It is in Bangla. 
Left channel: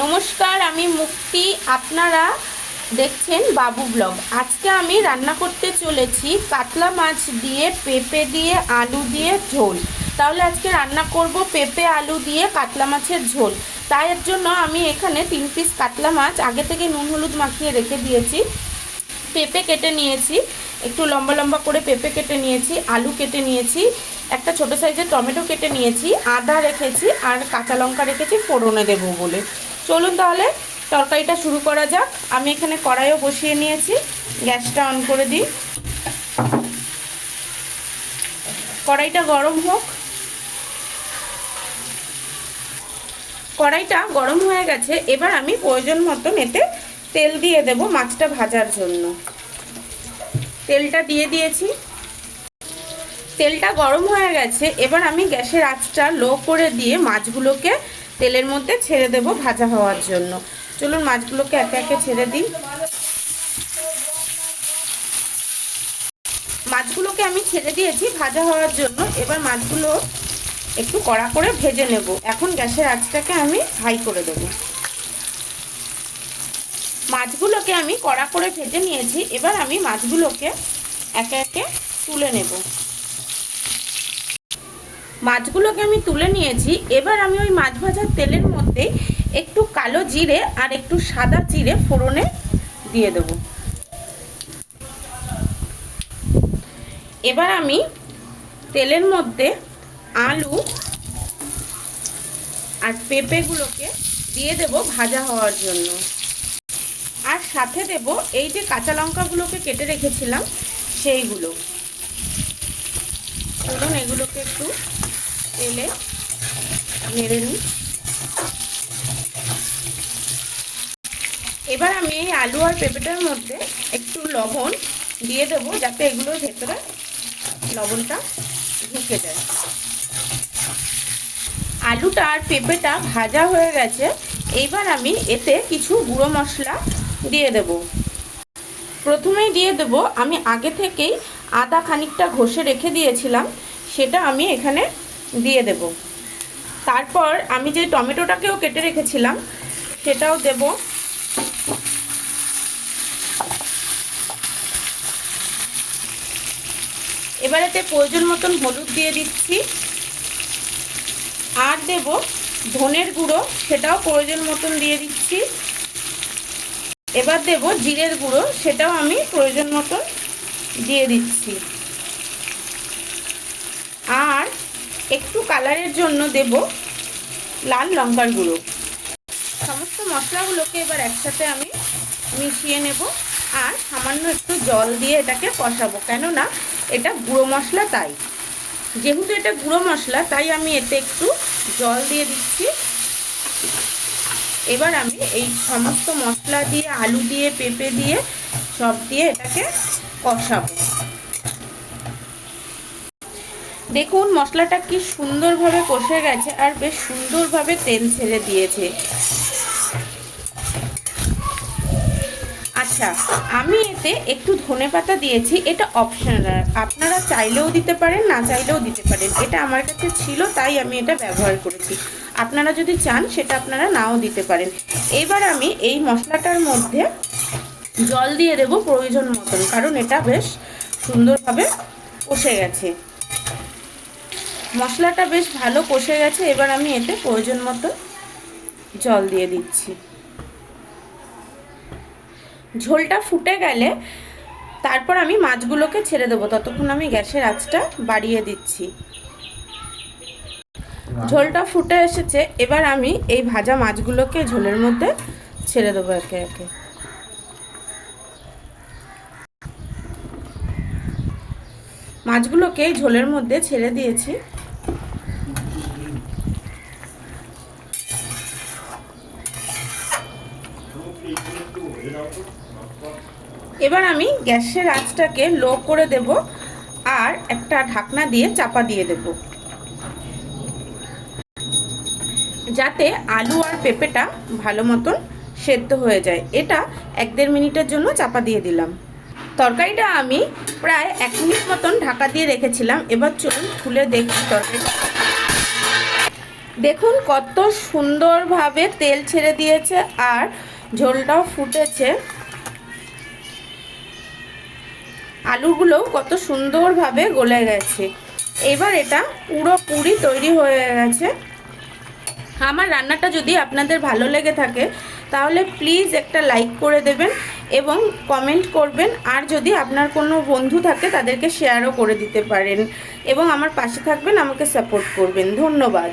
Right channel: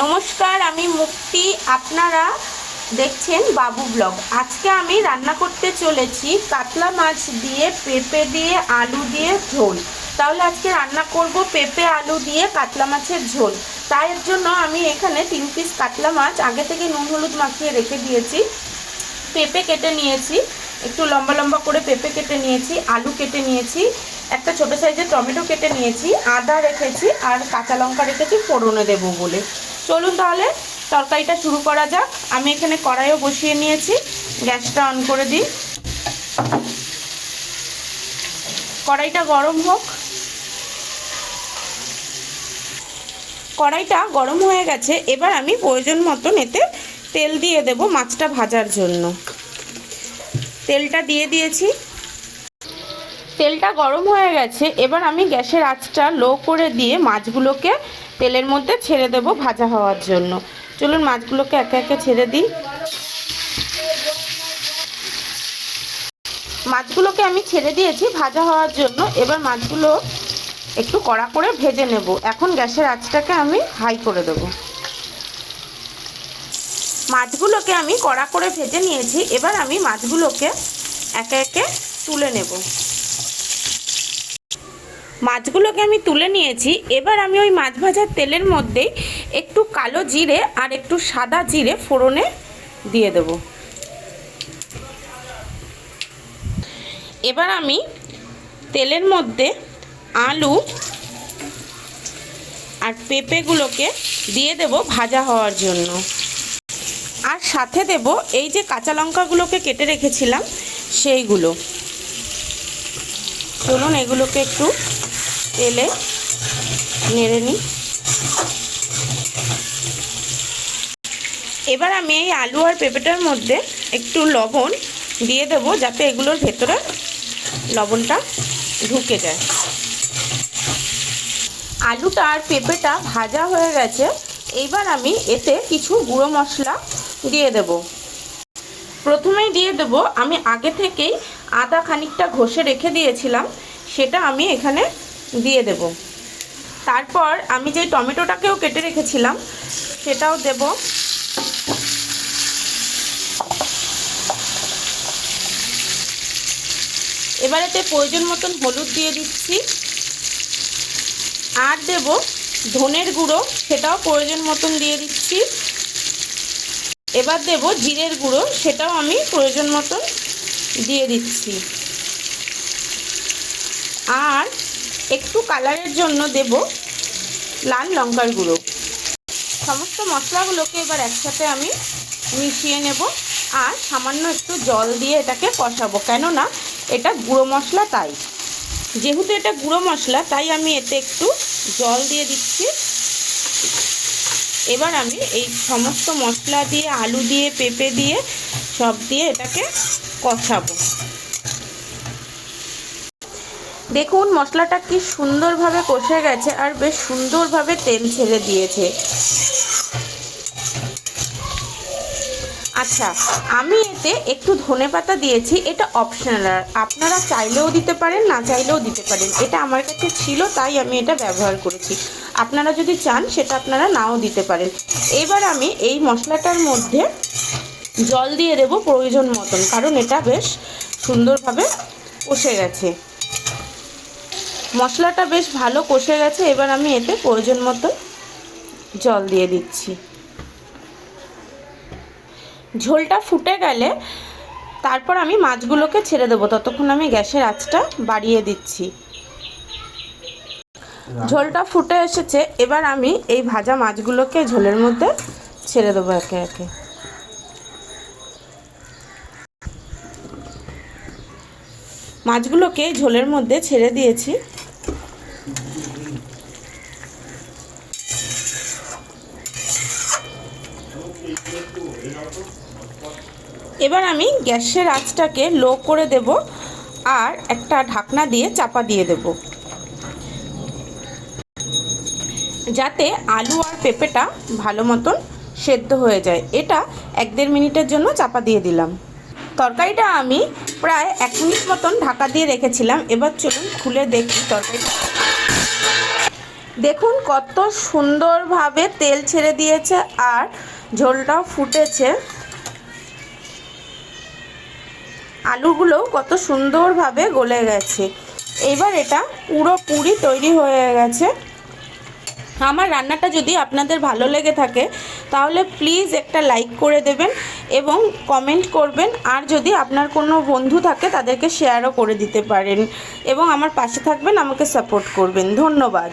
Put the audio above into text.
নমস্কার, আমি মুক্তি। আপনারা দেখছেন বাবু ব্লগ। আজকে আমি রান্না করতে চলেছি কাতলা মাছ দিয়ে, পেঁপে দিয়ে, আলু দিয়ে ঝোল। তাহলে আজকে রান্না করব পেঁপে আলু দিয়ে কাতলা মাছের ঝোল। তাই এর জন্য আমি এখানে 3 পিস কাতলা মাছ আগে থেকে নুন হলুদ মাখিয়ে রেখে দিয়েছি। পেঁপে কেটে নিয়েছি, একটু লম্বা লম্বা করে পেঁপে কেটে নিয়েছি, আলু কেটে নিয়েছি, একটা ছোট সাইজের টমেটো কেটে নিয়েছি, আদা রেখেছি আর কাঁচা লঙ্কা রেখেছি ফোড়নে দেবো বলে। চলুন তাহলে তরকারিটা শুরু করা যাক। আমি এখানে কড়াইও বসিয়ে নিয়েছি, গ্যাসটা অন করে দিই। কড়াইটা গরম হোক। কড়াইটা গরম হয়ে গেছে, এবার আমি প্রয়োজন মতন এতে তেল দিয়ে দেব মাছটা ভাজার জন্য। তেলটা দিয়ে দিয়েছি, তেলটা গরম হয়ে গেছে। এবার আমি গ্যাসের আঁচটা লো করে দিয়ে মাছগুলোকে তেলের মধ্যে ছেড়ে দেব ভাজা হওয়ার জন্য। চলুন মাছগুলোকে একে একে ছেড়ে দিই। মাছগুলোকে আমি ছেড়ে দিয়েছি ভাজা হওয়ার জন্য। এবার মাছগুলো একটু কড়া করে ভেজে নেব। এখন গ্যাসের আঁচটাকে আমি হাই করে দেব। মাছগুলোকে আমি কড়া করে ভেজে নিয়েছি। এবার আমি মাছগুলোকে একে একে তুলে নেব। মাছগুলোকে আমি তুলে নিয়েছি। এবার আমি ওই মাছ ভাজার তেলের মধ্যে একটু কালো জিরে আর একটু সাদা জিরে ফোড়নে দিয়ে দেব। এবার আমি তেলের মধ্যে আলু আর পেঁপেগুলোকে দিয়ে দেব ভাজা হওয়ার জন্য। আর সাথে দেব এই যে কাঁচা লঙ্কাগুলোকে কেটে রেখেছিলাম সেইগুলো। চলুন এগুলোকে একটু তেলে নেড়ে নিই। এবার আমি এই আলু আর পেঁপেটার মধ্যে একটু লবণ দিয়ে দেবো, যাতে এগুলোর ভেতরে লবণটা ঢুকে যায়। আলুটা আর পেঁপেটা ভাজা হয়ে গেছে। এইবার আমি এতে কিছু গুঁড়ো মশলা দিয়ে দেব। প্রথমেই দিয়ে দেব আমি আগে থেকেই আদা খানিকটা ঘষে রেখে দিয়েছিলাম, সেটা আমি এখানে দিয়ে দেব। তারপর আমি যে টমেটোটাকেও কেটে রেখেছিলাম সেটাও দেব। এবার এতে প্রয়োজন মতন হলুদ দিয়ে দিচ্ছি, আর দেব ধনের গুঁড়ো, সেটাও প্রয়োজন মতন দিয়ে দিচ্ছি। এবার দেব জিরের গুঁড়ো, সেটাও আমি প্রয়োজন মতন দিয়ে দিচ্ছি। আর একটু কালারের জন্য দেব লাল লঙ্কার গুঁড়ো। সমস্ত মশলাগুলোকে এবার একসাথে আমি মিশিয়ে নেব আর সামান্য একটু জল দিয়ে এটাকে কষাবো, কেননা এটা গুঁড়ো মশলা। তাই যেহেতু এটা গুঁড়ো মশলা, তাই আমি এতে একটু জল দিয়ে দিচ্ছি। এবার আমি এই সমস্ত মশলা দিয়ে, আলু দিয়ে, পেঁপে দিয়ে, সব দিয়ে এটাকে কষাবো। দেখুন মশলাটা কি সুন্দরভাবে কষে গেছে আর বেশ সুন্দরভাবে তেল ছেড়ে দিয়েছে। আচ্ছা, আমি এতে একটু ধনেপাতা দিয়েছি, এটা অপশনাল। আপনারা চাইলেও দিতে পারেন, না চাইলেও দিতে পারেন। এটা আমার কাছে ছিল তাই আমি এটা ব্যবহার করেছি। আপনারা যদি চান সেটা আপনারা নাও দিতে পারেন। এবার আমি এই মশলাটার মধ্যে জল দিয়ে দেব প্রয়োজন মতন, কারণ এটা বেশ সুন্দরভাবে কষে গেছে। মশলাটা বেশ ভালো কষে গেছে। এবার আমি এতে প্রয়োজন মতন জল দিয়ে দিচ্ছি। ঝোলটা ফুটে গেলে তারপর আমি মাছগুলোকে ছেড়ে দেবো। ততক্ষণ আমি গ্যাসের আঁচটা বাড়িয়ে দিচ্ছি। ঝোলটা ফুটে এসেছে। এবার আমি এই ভাজা মাছগুলোকে ঝোলের মধ্যে ছেড়ে দেবো একে একে। মাছগুলোকে ঝোলের মধ্যে ছেড়ে দিয়েছি। এবার আমি গ্যাসের আঁচটাকে লো করে দেব আর একটা ঢাকনা দিয়ে চাপা দিয়ে দেব, যাতে আলু আর পেঁপেটা ভালো মতন সেদ্ধ হয়ে যায়। এটা 1-1.5 মিনিটের জন্য চাপা দিয়ে দিলাম। তরকারিটা আমি প্রায় 1 মিনিট মতন ঢাকা দিয়ে রেখেছিলাম। এবার চলুন খুলে দেখি তরকারিটা দেখুন কত সুন্দরভাবে তেল ছেড়ে দিয়েছে আর ঝোলটাও ফুটেছে। আলুগুলোও কত সুন্দরভাবে গলে গেছে। এবার এটা পুরোপুরি তৈরি হয়ে গেছে। আমার রান্নাটা যদি আপনাদের ভালো লেগে থাকে তাহলে প্লিজ একটা লাইক করে দেবেন এবং কমেন্ট করবেন। আর যদি আপনার কোনো বন্ধু থাকে তাদেরকে শেয়ারও করে দিতে পারেন এবং আমার পাশে থাকবেন, আমাকে সাপোর্ট করবেন। ধন্যবাদ।